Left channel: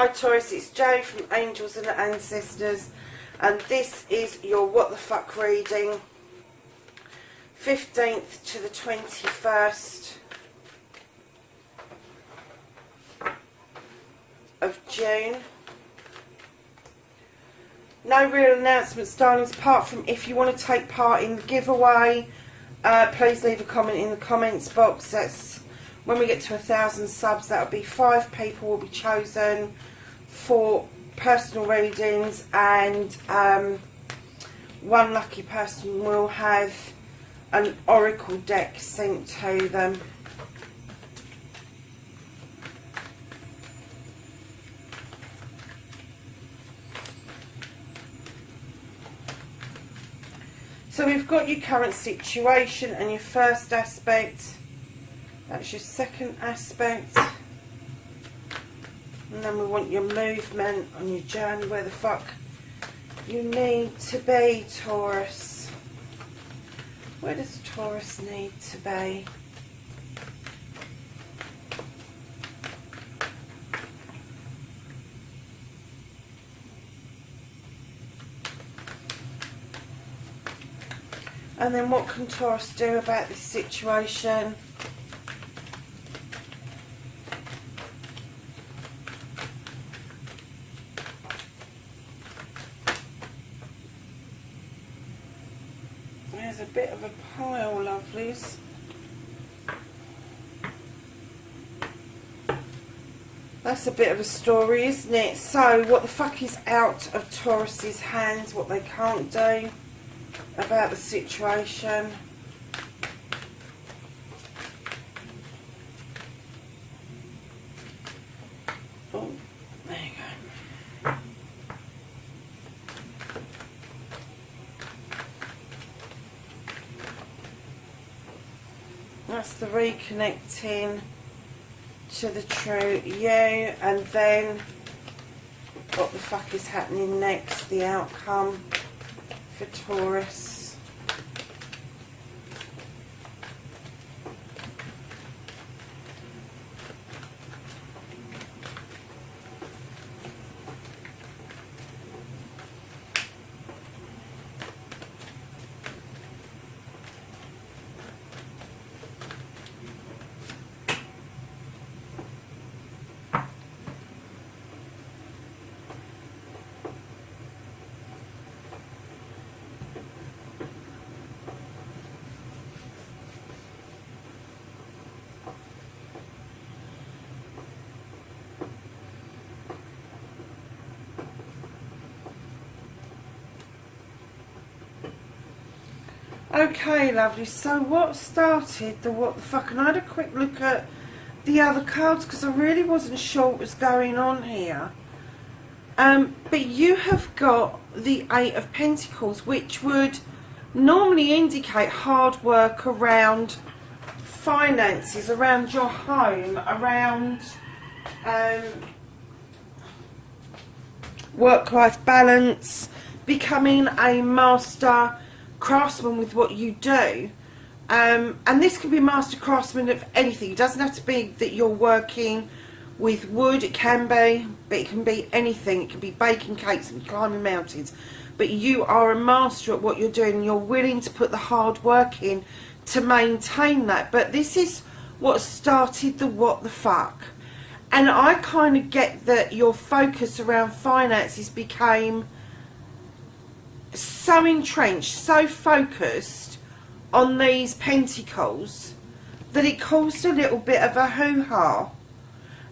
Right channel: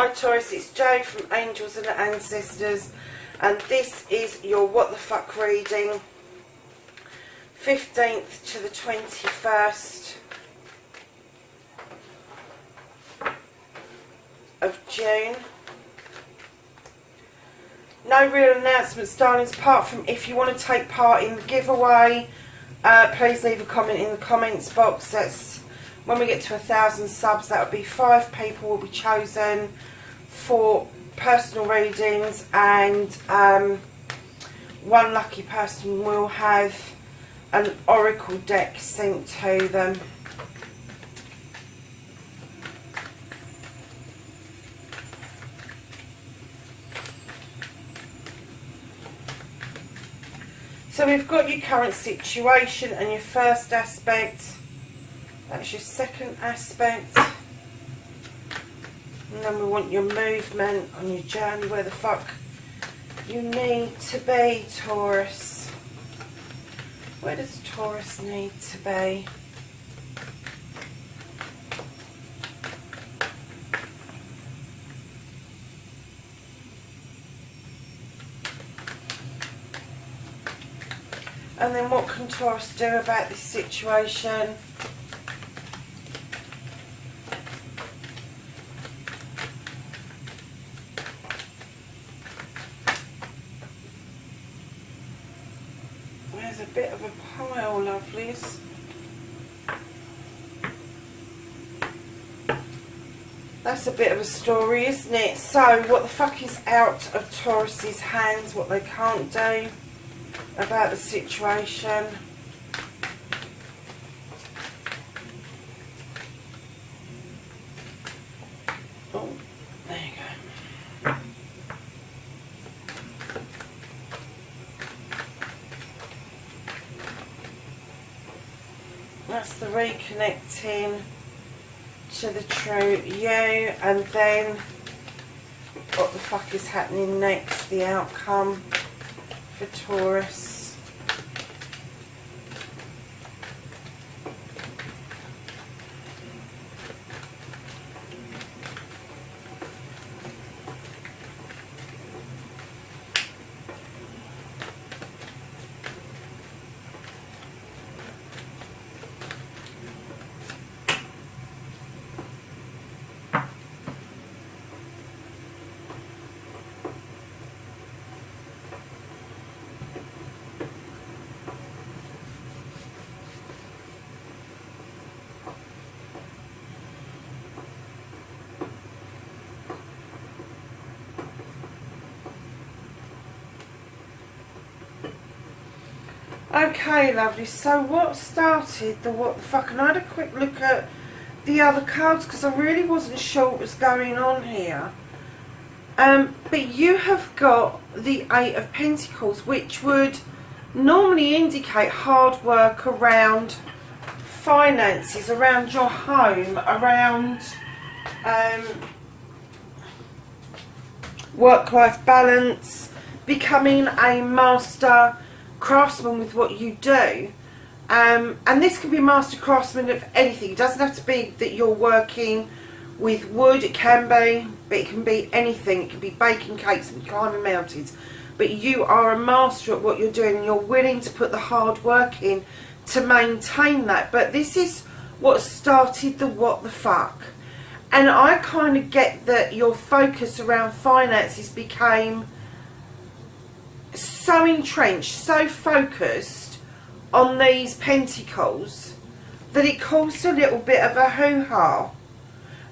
Hi Taurus, it's Jo from Angels and Ancestors, and this is your What the Fuck reading, 15th to the 21st of June. No real announcements, darlings, apart from if you want to take part in the giveaway, please leave a comment in the comments box. That's when we get to 1,000 subs. That'll be 5 people will be chosen for personal readings, and one lucky person will have an oracle deck sent to them. So we've got your current situation and your first aspect. That's your second aspect. And then we want your movement on your journey, where the fuck you need to be, Taurus. Where does Taurus need to be? And then what can Taurus do about this situation? There's a bit of a pile, lovelies. That's a bit of a story, isn't it? So, what the fuck is out of Taurus's hands? What they can't do about the situation? Oh, there you go. That's the reconnecting to the true you, and then what the fuck is happening next, the outcome for Taurus. Okay, lovely. So what started the what the fuck? And I had a quick look at the other cards because I really wasn't sure what was going on here. But you have got the 8 of Pentacles, which would normally indicate hard work around finances, around your home, around work-life balance, becoming a master craftsman with what you do, and this can be master craftsman of anything. It doesn't have to be that you're working with wood. It can be, but it can be anything. It can be baking cakes and climbing mountains, but you are a master at what you're doing, and you're willing to put the hard work in to maintain that. But this is what started the what the fuck, and I kind of get that your focus around finances became so entrenched, so focused on these pentacles, that it caused a little bit of a hoo-ha.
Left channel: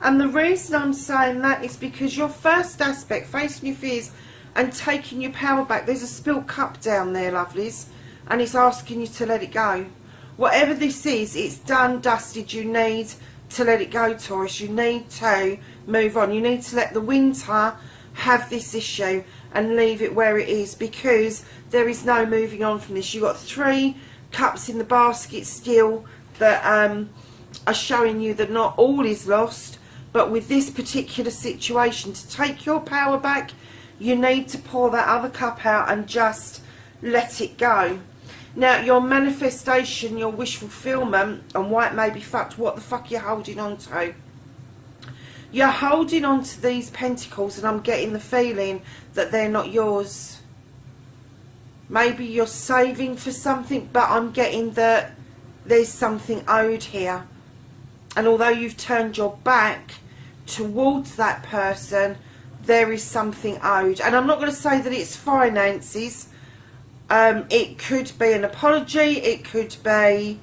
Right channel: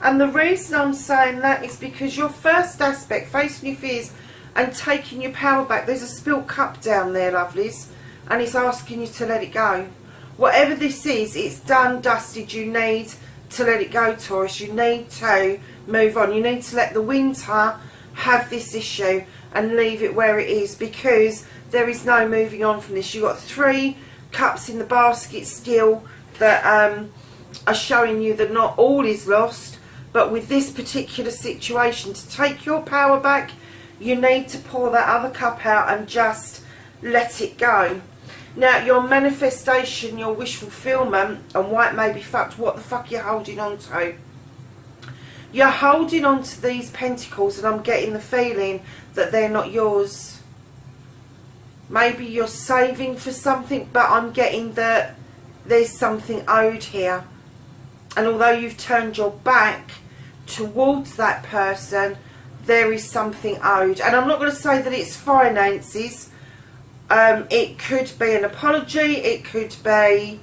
And the reason I'm saying that is because your first aspect, facing your fears and taking your power back, there's a spilt cup down there, lovelies, and it's asking you to let it go. Whatever this is, it's done, dusted. You need to let it go, Taurus. You need to move on. You need to let the winter have this issue and leave it where it is, because there is no moving on from this. You've got 3 cups in the basket still that are showing you that not all is lost, but with this particular situation, to take your power back, you need to pour that other cup out and just let it go. Now, your manifestation, your wish fulfillment, and why it may be fucked, what the fuck you're holding on to. You're holding on to these pentacles, and I'm getting the feeling that they're not yours. Maybe you're saving for something, but I'm getting that there's something owed here. And although you've turned your back towards that person, there is something owed. And I'm not going to say that it's finances. It could be an apology. It could be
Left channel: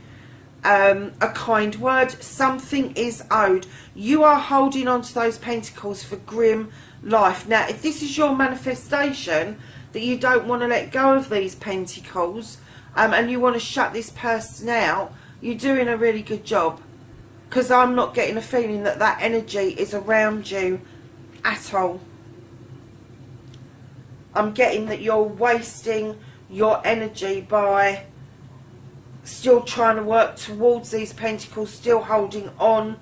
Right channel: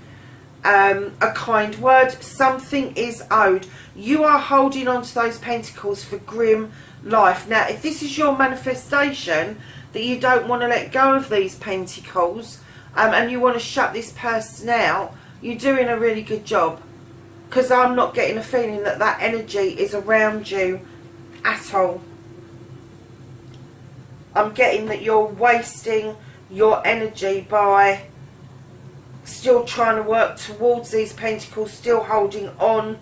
a kind word. Something is owed. You are holding on to those pentacles for grim life. Now, if this is your manifestation, that you don't want to let go of these pentacles, and you want to shut this person out, you're doing a really good job. Because I'm not getting a feeling that that energy is around you at all. I'm getting that you're wasting your energy by still trying to work towards these pentacles, still holding on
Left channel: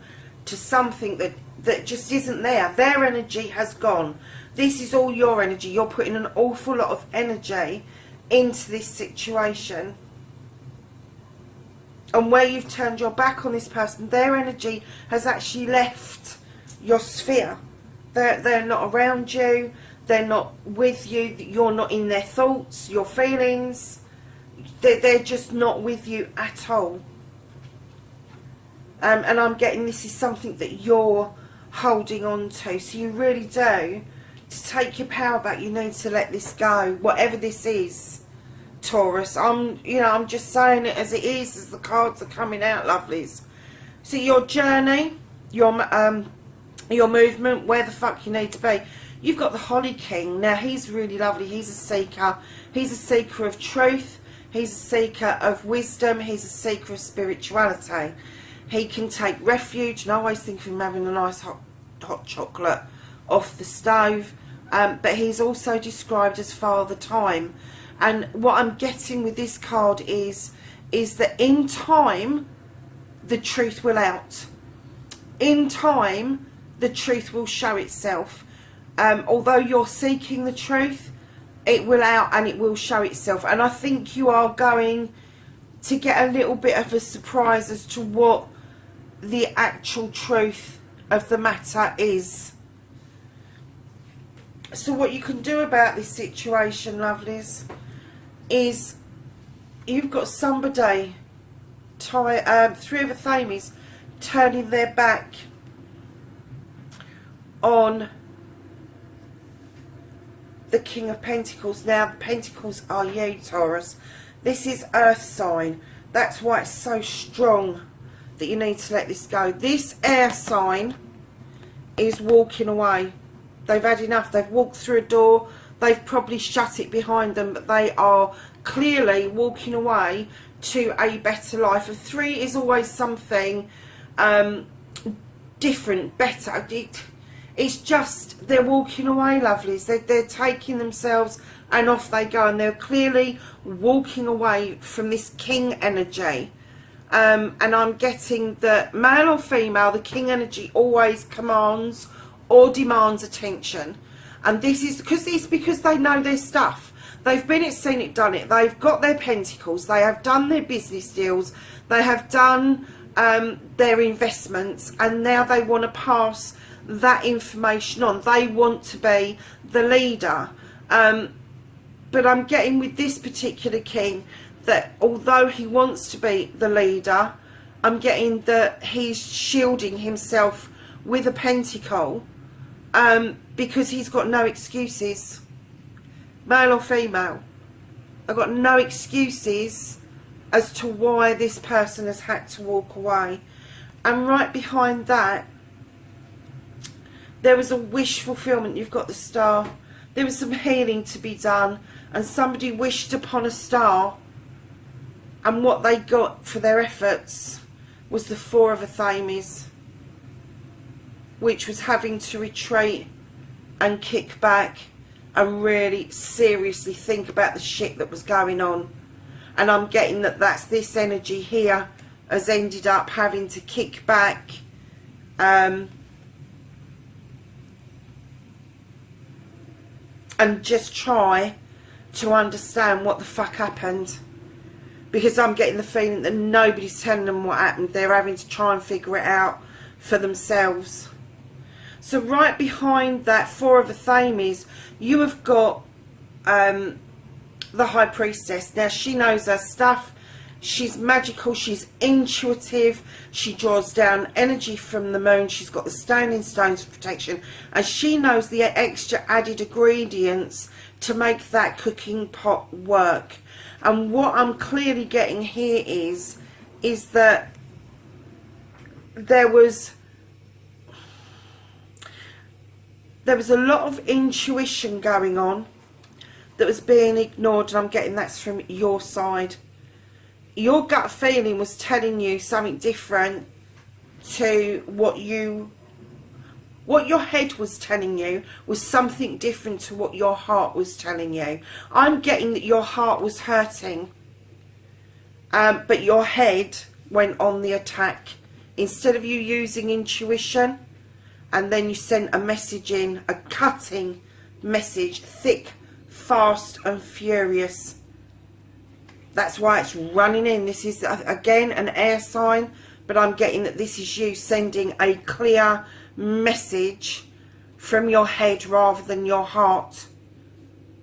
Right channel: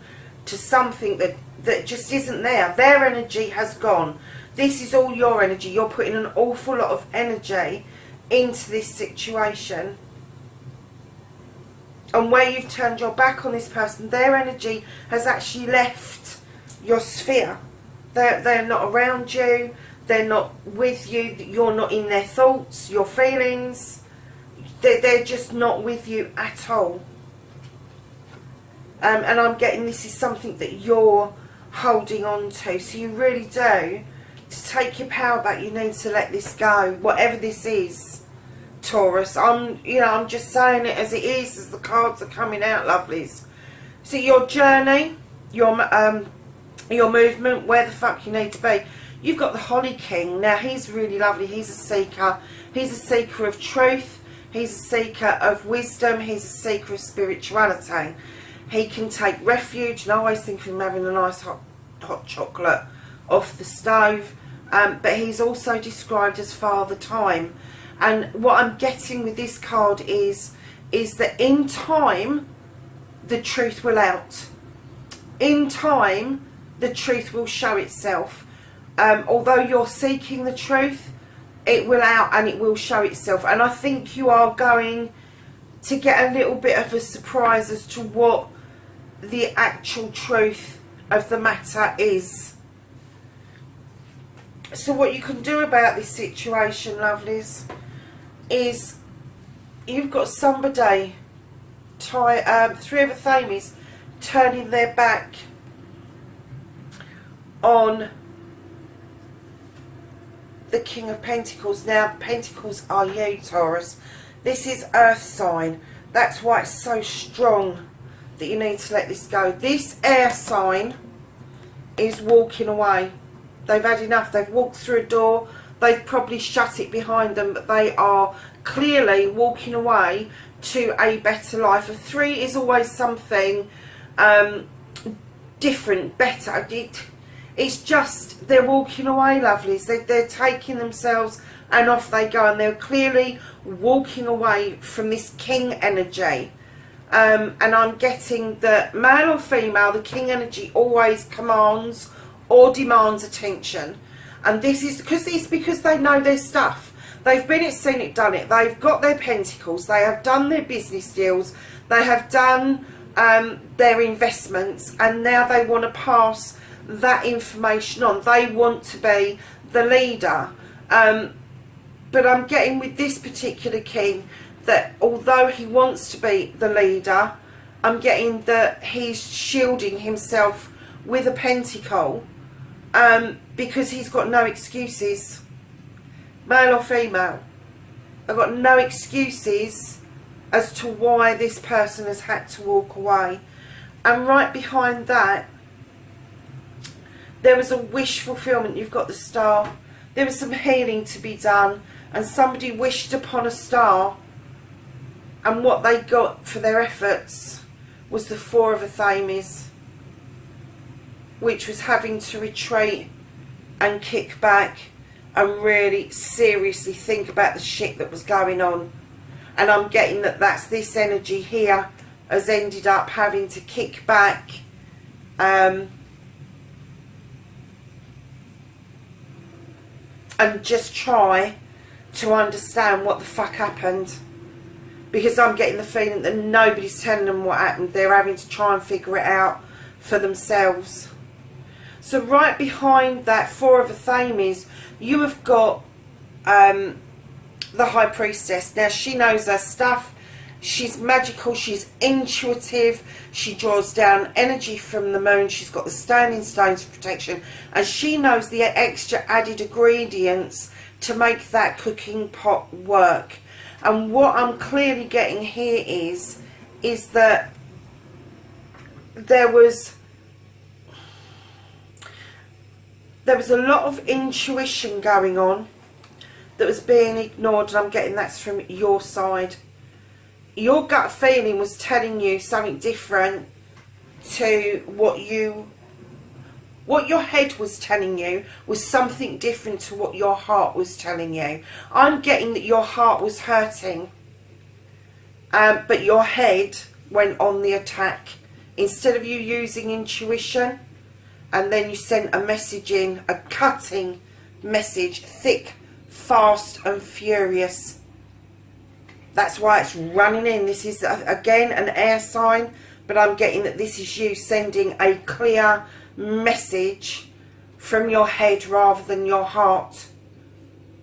to something that just isn't there. Their energy has gone. This is all your energy. You're putting an awful lot of energy into this situation. And where you've turned your back on this person, their energy has actually left your sphere. They're not around you. They're not with you. You're not in their thoughts, your feelings. They're just not with you at all. And I'm getting this is something that you're holding on to. So you really do, to take your power back, you need to let this go. Whatever this is, Taurus. I'm just saying it as it is, as the cards are coming out, lovelies. So your journey, your movement, where the fuck you need to be. You've got the Holly King. Now, he's really lovely. He's a seeker. He's a seeker of truth. He's a seeker of wisdom. He's a seeker of spirituality. He can take refuge, and I always think of him having a nice hot chocolate off the stove. But he's also described as Father Time. And what I'm getting with this card is that in time, the truth will out. In time, the truth will show itself. Although you're seeking the truth, it will out and it will show itself. And I think you are going to get a little bit of a surprise as to what the actual truth of the matter is. So what you can do about this situation, lovelies, is you've got somebody, Three of the Thames, turning their back on the King of Pentacles. Now, Pentacles are you, Taurus. This is Earth sign. That's why it's so strong that you need to let this go. This air sign is walking away. They've had enough. They've walked through a door. They've probably shut it behind them, but they are clearly walking away to a better life. A 3 is always something different, better. It's just, they're walking away, lovelies. They're taking themselves and off they go. And they're clearly walking away from this king energy. And I'm getting that male or female, the king energy always commands or demands attention. And this is because they know their stuff. They've been it, seen it, done it. They've got their pentacles. They have done their business deals. They have done their investments. And now they want to pass that information on. They want to be the leader. But I'm getting with this particular king that although he wants to be the leader, I'm getting that he's shielding himself with a pentacle because he's got no excuses. Male or female, I've got no excuses as to why this person has had to walk away. And right behind that, there was a wish fulfillment. You've got the Star. There was some healing to be done, and somebody wished upon a star, and what they got for their efforts was the Four of the Thames, which was having to retreat and kick back and really seriously think about the shit that was going on. And I'm getting that that's this energy here has ended up having to kick back and just try to understand what the fuck happened. Because I'm getting the feeling that nobody's telling them what happened. They're having to try and figure it out for themselves. So right behind that Four of Athames, you have got the High Priestess. Now, she knows her stuff. She's magical. She's intuitive. She draws down energy from the moon. She's got the standing stones for protection. And she knows the extra added ingredients to make that cooking pot work. And what I'm clearly getting here is that there was a lot of intuition going on that was being ignored, and I'm getting that's from your side. Your gut feeling was telling you something different to what your head was telling you was something different to what your heart was telling you. I'm getting that your heart was hurting, but your head went on the attack. Instead of you using intuition, and then you sent a message in, a cutting message, thick, fast and furious. That's why it's running in. This is, again, an air sign, but I'm getting that this is you sending a clear message from your head rather than your heart.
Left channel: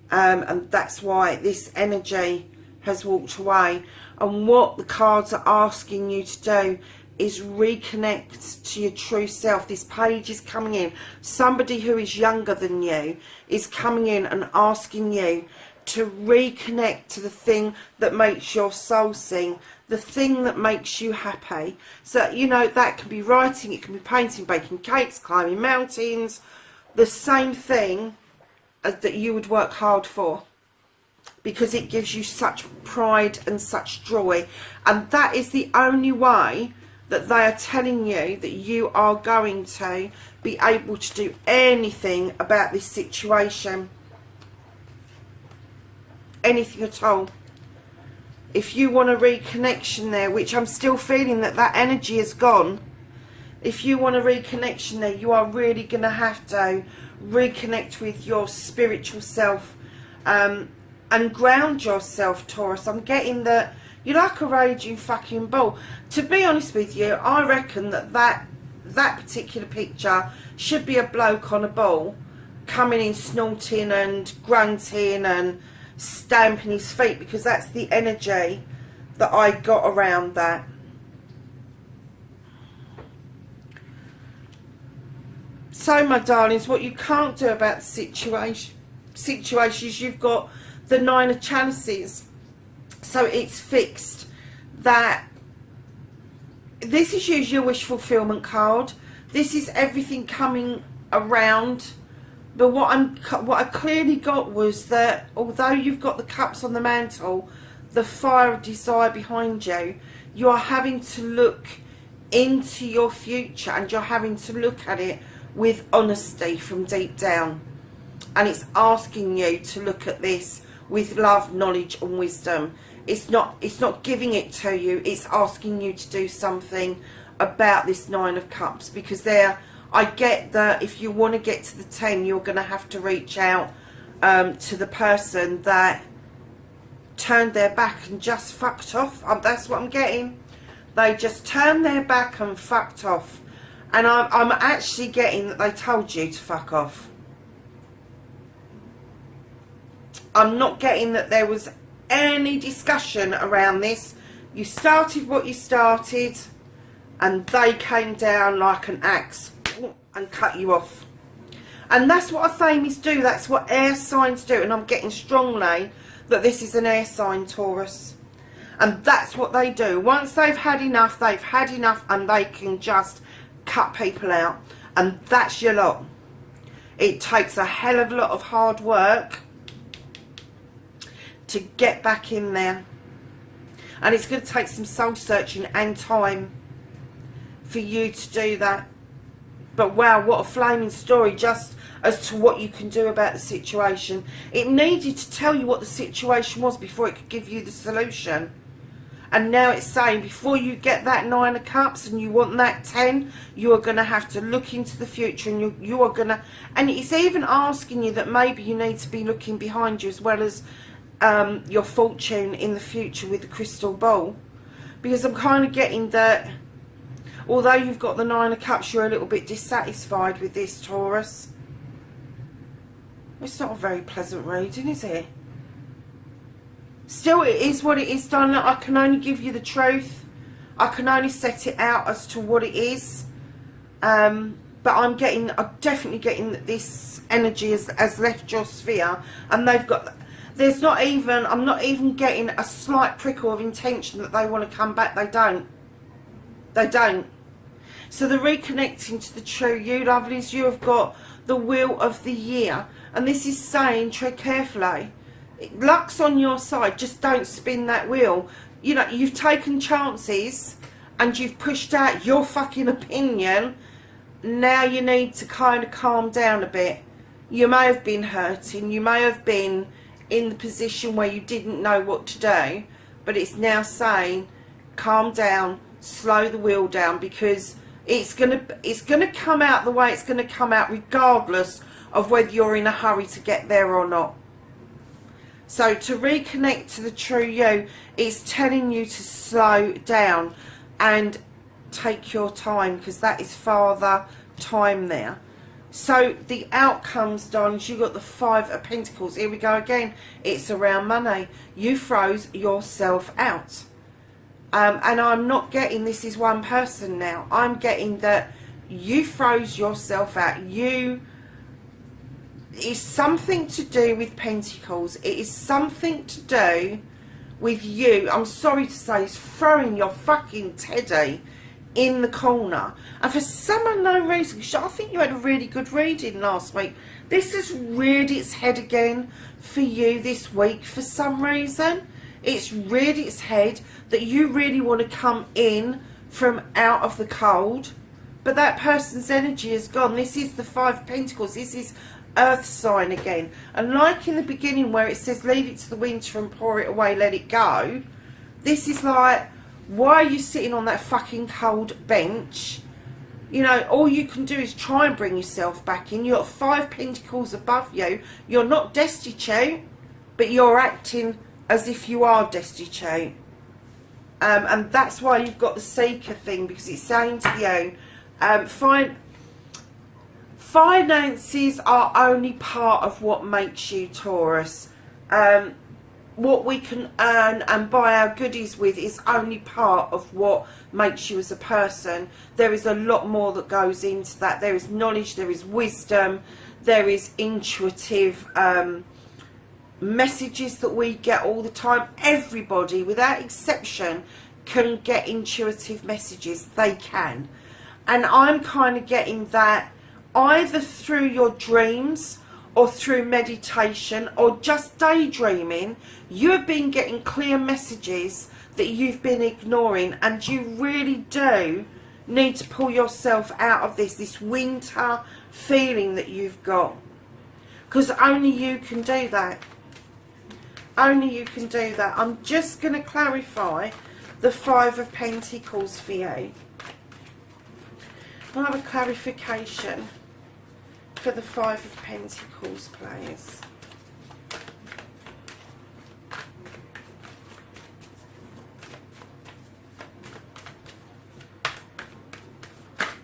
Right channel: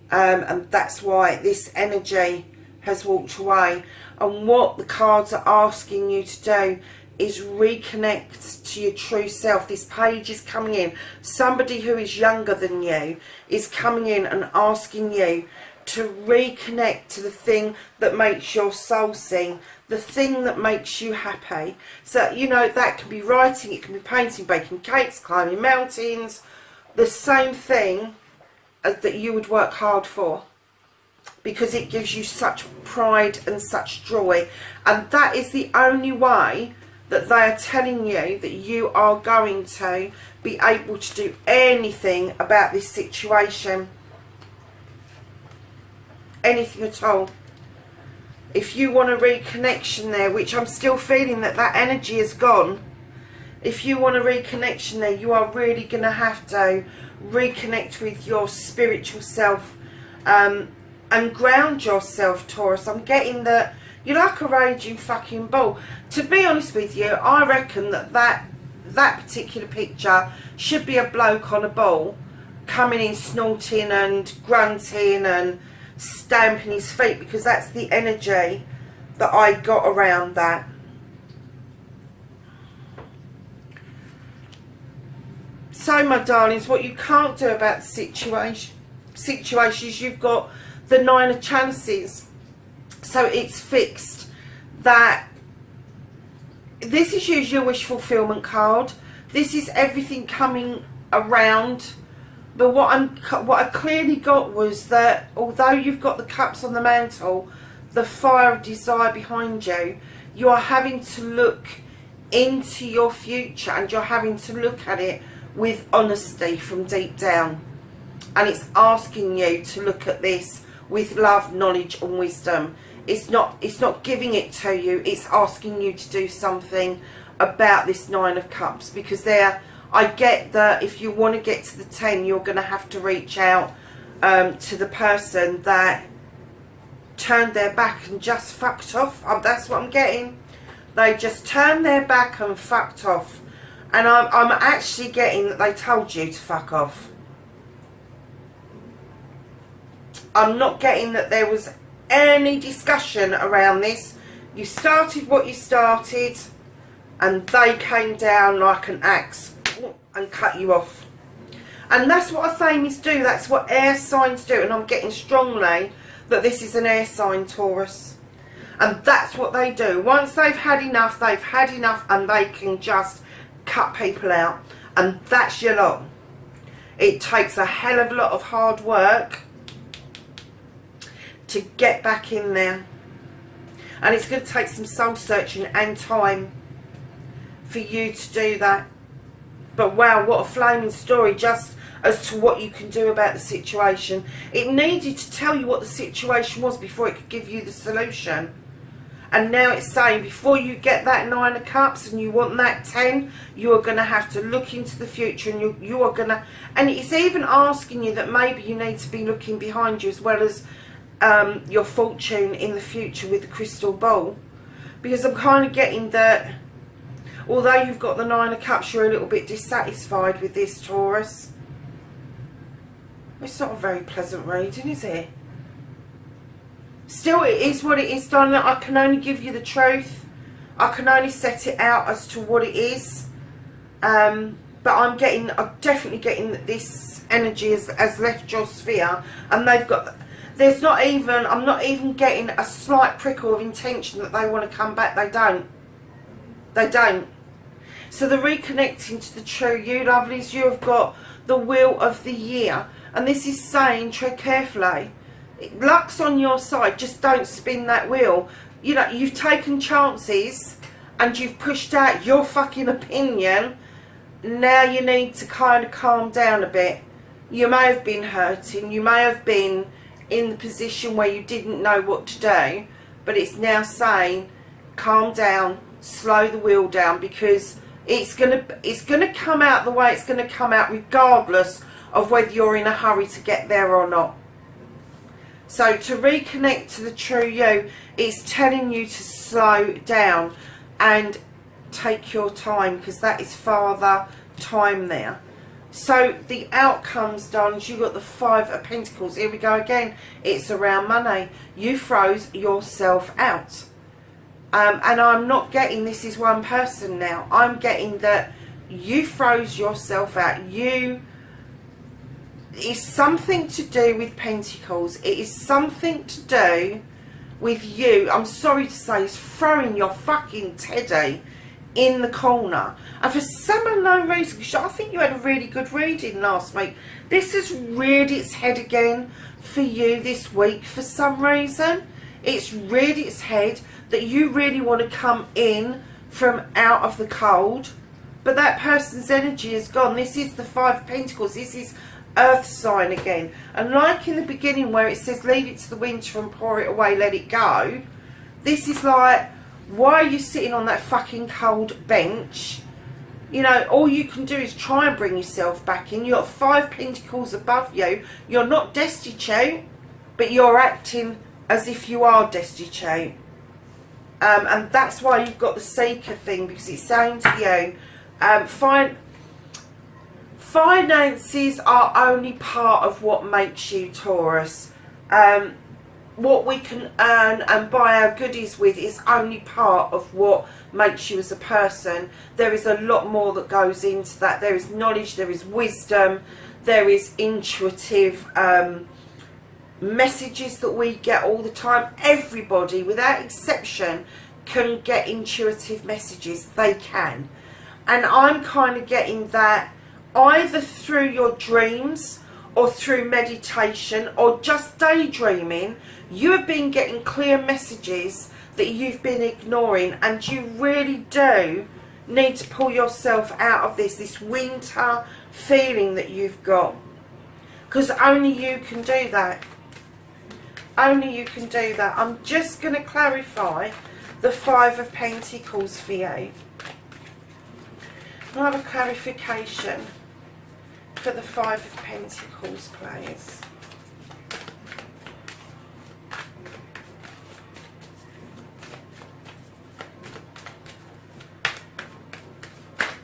And that's why this energy has walked away. And what the cards are asking you to do is reconnect to your true self. This page is coming in. Somebody who is younger than you is coming in and asking you to reconnect to the thing that makes your soul sing, the thing that makes you happy. So, you know, that can be writing, it can be painting, baking cakes, climbing mountains, the same thing as that you would work hard for, because it gives you such pride and such joy. And that is the only way that they are telling you that you are going to be able to do anything about this situation. Anything at all. If you want a reconnection there, which I'm still feeling that energy is gone. If you want a reconnection there, you are really going to have to reconnect with your spiritual self, and ground yourself, Taurus. I'm getting that you're like a raging fucking bull. To be honest with you, I reckon that particular picture should be a bloke on a bull coming in snorting and grunting and stamping his feet, because that's the energy that I got around that. So, my darlings, what you can't do about the situation is you've got the Nine of Chalices. So it's fixed that this is usually a wish fulfillment card. This is everything coming around. But what I clearly got was that although you've got the cups on the mantle, the fire of desire behind you, you are having to look into your future, and you're having to look at it with honesty from deep down. And it's asking you to look at this with love, knowledge and wisdom. It's not giving it to you, it's asking you to do something about this Nine of Cups, because I get that if you want to get to the 10, you're going to have to reach out to the person that turned their back and just fucked off. That's what I'm getting. They just turned their back and fucked off. And I'm actually getting that they told you to fuck off. I'm not getting that there was any discussion around this. You started what you started, and they came down like an axe and cut you off. And that's what Athames do. That's what air signs do. And I'm getting strongly that this is an air sign, Taurus. And that's what they do. Once they've had enough, and they can just cut people out. And that's your lot. It takes a hell of a lot of hard work to get back in there. And it's going to take some soul searching and time for you to do that. But wow, what a flaming story just as to what you can do about the situation. It needed to tell you what the situation was before it could give you the solution. And now it's saying before you get that Nine of Cups and you want that 10, you are going to have to look into the future, and you are going to... And it's even asking you that maybe you need to be looking behind you as well as your fortune in the future with the crystal ball. Because I'm kind of getting that... Although you've got the Nine of Cups, you're a little bit dissatisfied with this, Taurus. It's not a very pleasant reading, is it? Still, it is what it is, darling. I can only give you the truth. I can only set it out as to what it is. But I'm definitely getting that this energy has left your sphere, and I'm not even getting a slight prickle of intention that they want to come back. They don't. They don't. So they're reconnecting to the true you, lovelies. You have got the Wheel of the Year, and this is saying tread carefully. Luck's on your side. Just don't spin that wheel. You know, you've taken chances and you've pushed out your fucking opinion. Now you need to kind of calm down a bit. You may have been hurting. You may have been in the position where you didn't know what to do. But it's now saying, calm down, slow the wheel down, because it's gonna come out the way it's gonna come out, regardless of whether you're in a hurry to get there or not. So to reconnect to the true you, it's telling you to slow down and take your time, because that is father time there. So the outcomes, darlings, you got the Five of Pentacles. Here we go again. It's around money. You froze yourself out. And I'm not getting this is one person now. I'm getting that you froze yourself out. It's something to do with Pentacles. It is something to do with you. I'm sorry to say, it's throwing your fucking teddy in the corner. And for some unknown reason, because I think you had a really good reading last week, this has reared its head again for you this week for some reason. It's reared its head that you really want to come in from out of the cold. But that person's energy is gone. This is the Five of Pentacles. This is earth sign again, and like in the beginning where it says leave it to the winter and pour it away, let it go, this is like, why are you sitting on that fucking cold bench? You know, all you can do is try and bring yourself back in. You've got Five Pentacles above you. You're not destitute, but you're acting as if you are destitute, and that's why you've got the Seeker thing, because it's saying to you, finances are only part of what makes you, Taurus. What we can earn and buy our goodies with is only part of what makes you as a person. There is a lot more that goes into that. There is knowledge, there is wisdom, there is intuitive messages that we get all the time. Everybody, without exception, can get intuitive messages. They can. And I'm kind of getting that either through your dreams or through meditation or just daydreaming. You have been getting clear messages that you've been ignoring, and you really do need to pull yourself out of this winter feeling that you've got, because only you can do that. Only you can do that. I'm just going to clarify the Five of Pentacles for you. I'll have a clarification for the Five of Pentacles, please.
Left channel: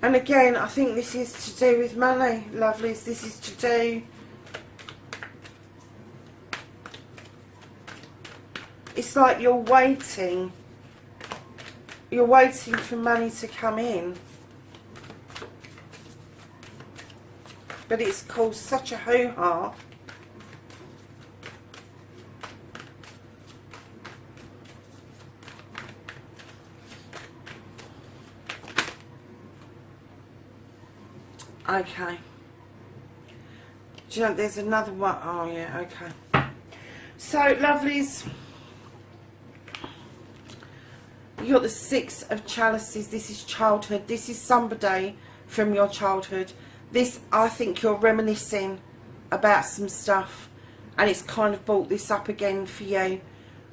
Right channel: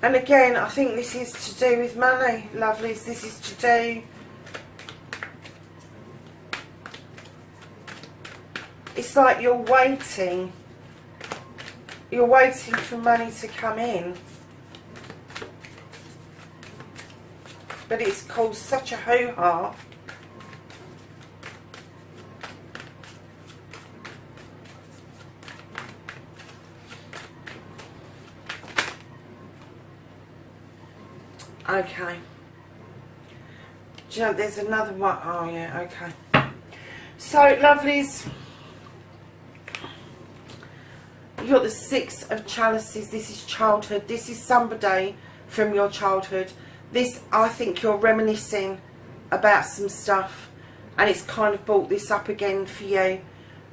And again, I think this is to do with money, lovelies. This is to do... It's like you're waiting. You're waiting for money to come in. But it's caused such a hoo-ha. Okay. Do you know, there's another one. Oh, yeah, okay. So, lovelies, you got the Six of Chalices. This is childhood. This is somebody from your childhood. This, I think you're reminiscing about some stuff, and it's kind of brought this up again for you.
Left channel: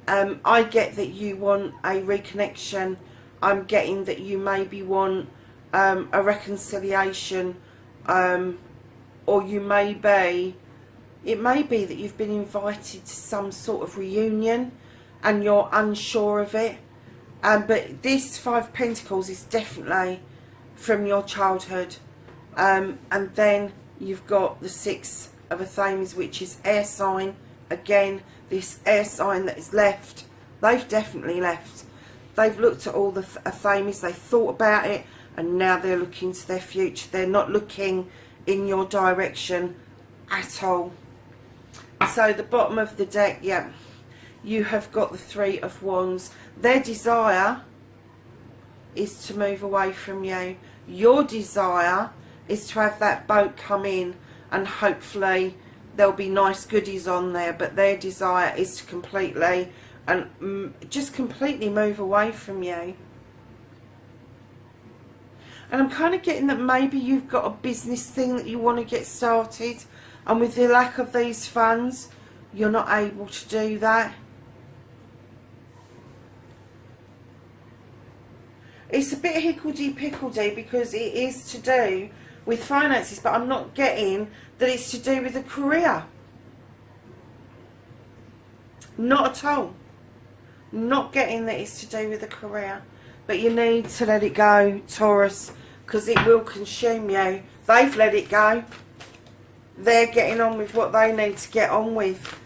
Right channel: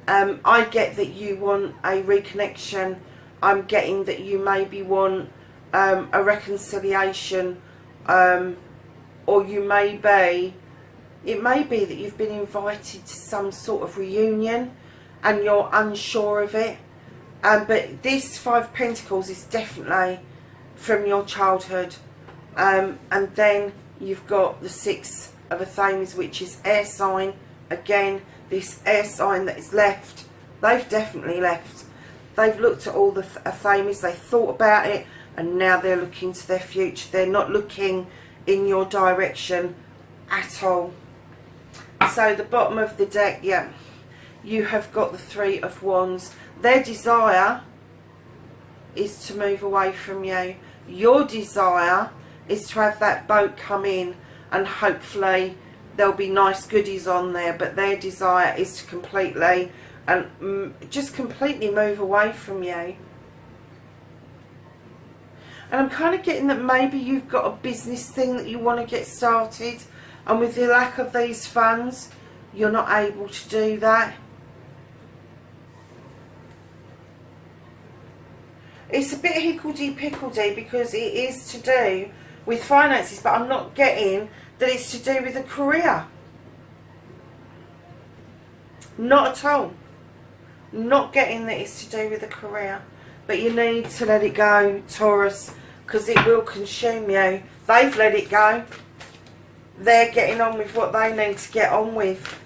I get that you want a reconnection. I'm getting that you maybe want a reconciliation, or you may be, it may be that you've been invited to some sort of reunion and you're unsure of it. But this Five of Pentacles is definitely from your childhood. And then you've got the Six of Athames, which is air sign. Again, this air sign that is left, they've definitely left. They've looked at all the Athames, they thought about it, and now they're looking to their future. They're not looking in your direction at all. So the bottom of the deck, yeah, you have got the Three of Wands. Their desire is to move away from you. Your desire is to have that boat come in, and hopefully there'll be nice goodies on there, but their desire is to completely and just completely move away from you. And I'm kind of getting that maybe you've got a business thing that you want to get started, and with the lack of these funds you're not able to do that. It's a bit hickledy-pickledy because it is to do with finances, but I'm not getting that it's to do with a career. Not at all. Not getting that it's to do with a career. But you need to let it go, Taurus, because it will consume you. They've let it go. They're getting on with what they need to get on with.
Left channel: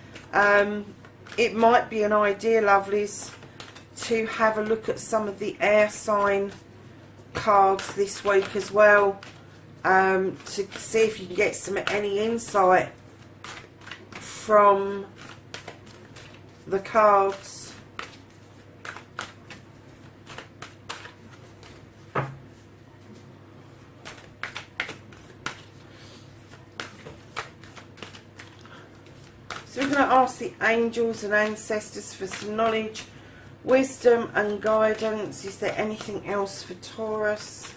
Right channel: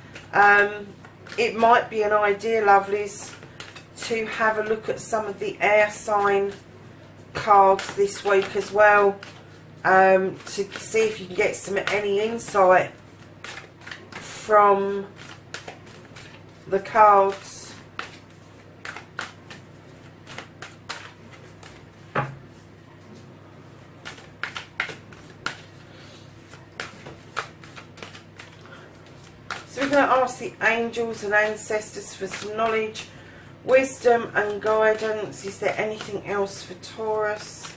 It might be an idea, lovelies, to have a look at some of the air sign cards this week as well, to see if you can get any insight from the cards. So we're going to ask the angels and ancestors for some knowledge, wisdom and guidance. Is there anything else for Taurus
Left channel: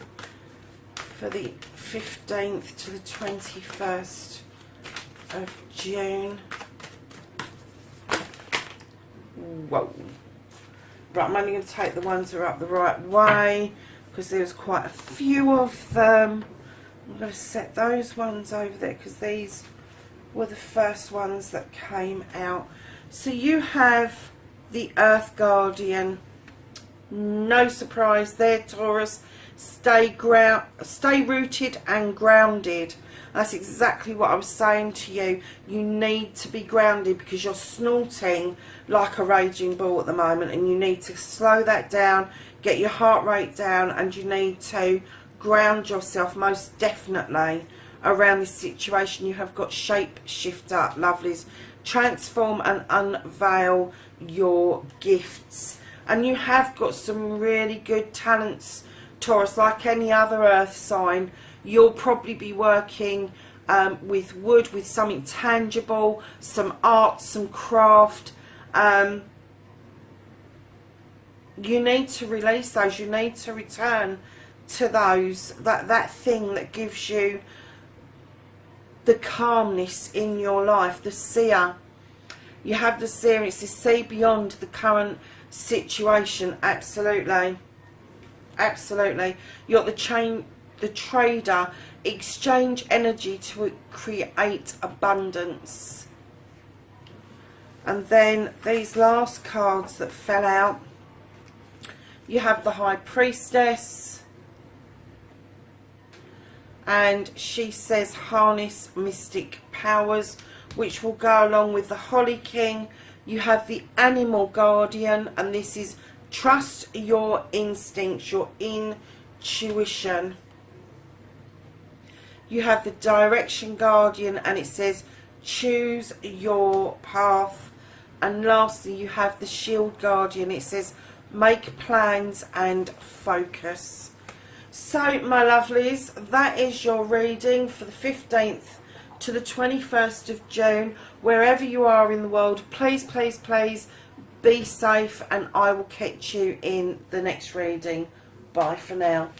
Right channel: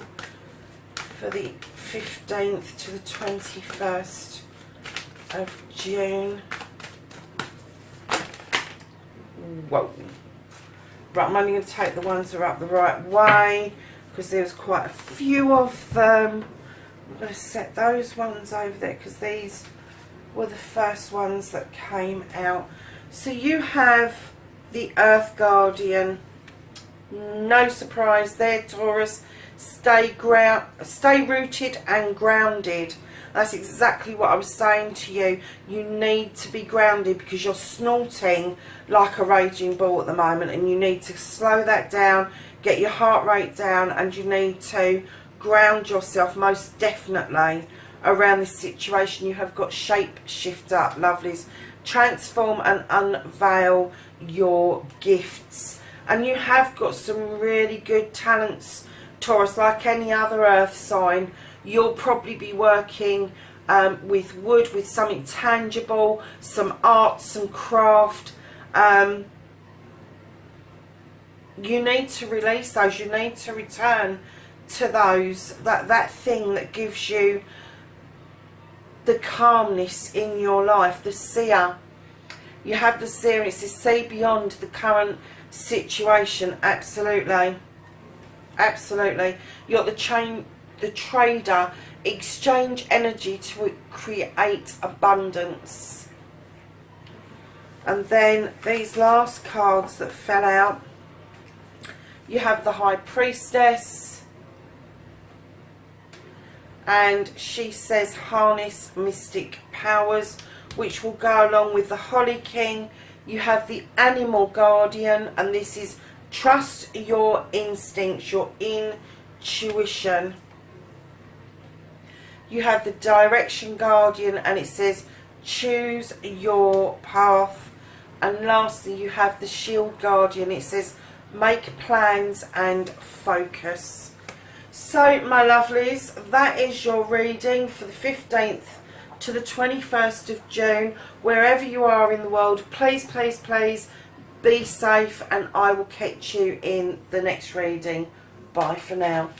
for the 15th to the 21st of June? Whoa. Right, I'm only going to take the ones that are up the right way because there's quite a few of them. I'm going to set those ones over there because these were the first ones that came out. So you have the Earth Guardian. No surprise there, Taurus. Stay rooted and grounded. That's exactly what I was saying to you. You need to be grounded because you're snorting like a raging bull at the moment, and you need to slow that down, get your heart rate down, and you need to ground yourself most definitely around this situation. You have got shape shifter, lovelies. Transform and unveil your gifts, and you have got some really good talents, Taurus. Like any other earth sign, you'll probably be working with wood, with something tangible, some art, some craft. You need to release those. You need to return to those, that thing that gives you the calmness in your life. The seer. You have the seer. It's to see beyond the current situation. Absolutely. Absolutely. You're the trader. Exchange energy to create abundance. And then these last cards that fell out, you have the High Priestess, and she says harness mystic powers, which will go along with the Holly King. You have the Animal Guardian, and this is trust your instincts, your intuition. You have the Direction Guardian, and it says choose your path. And lastly, you have the Shield Guardian. It says make plans and focus. So, my lovelies, that is your reading for the 15th to the 21st of June. Wherever you are in the world, please, please, please be safe, and I will catch you in the next reading. Bye for now.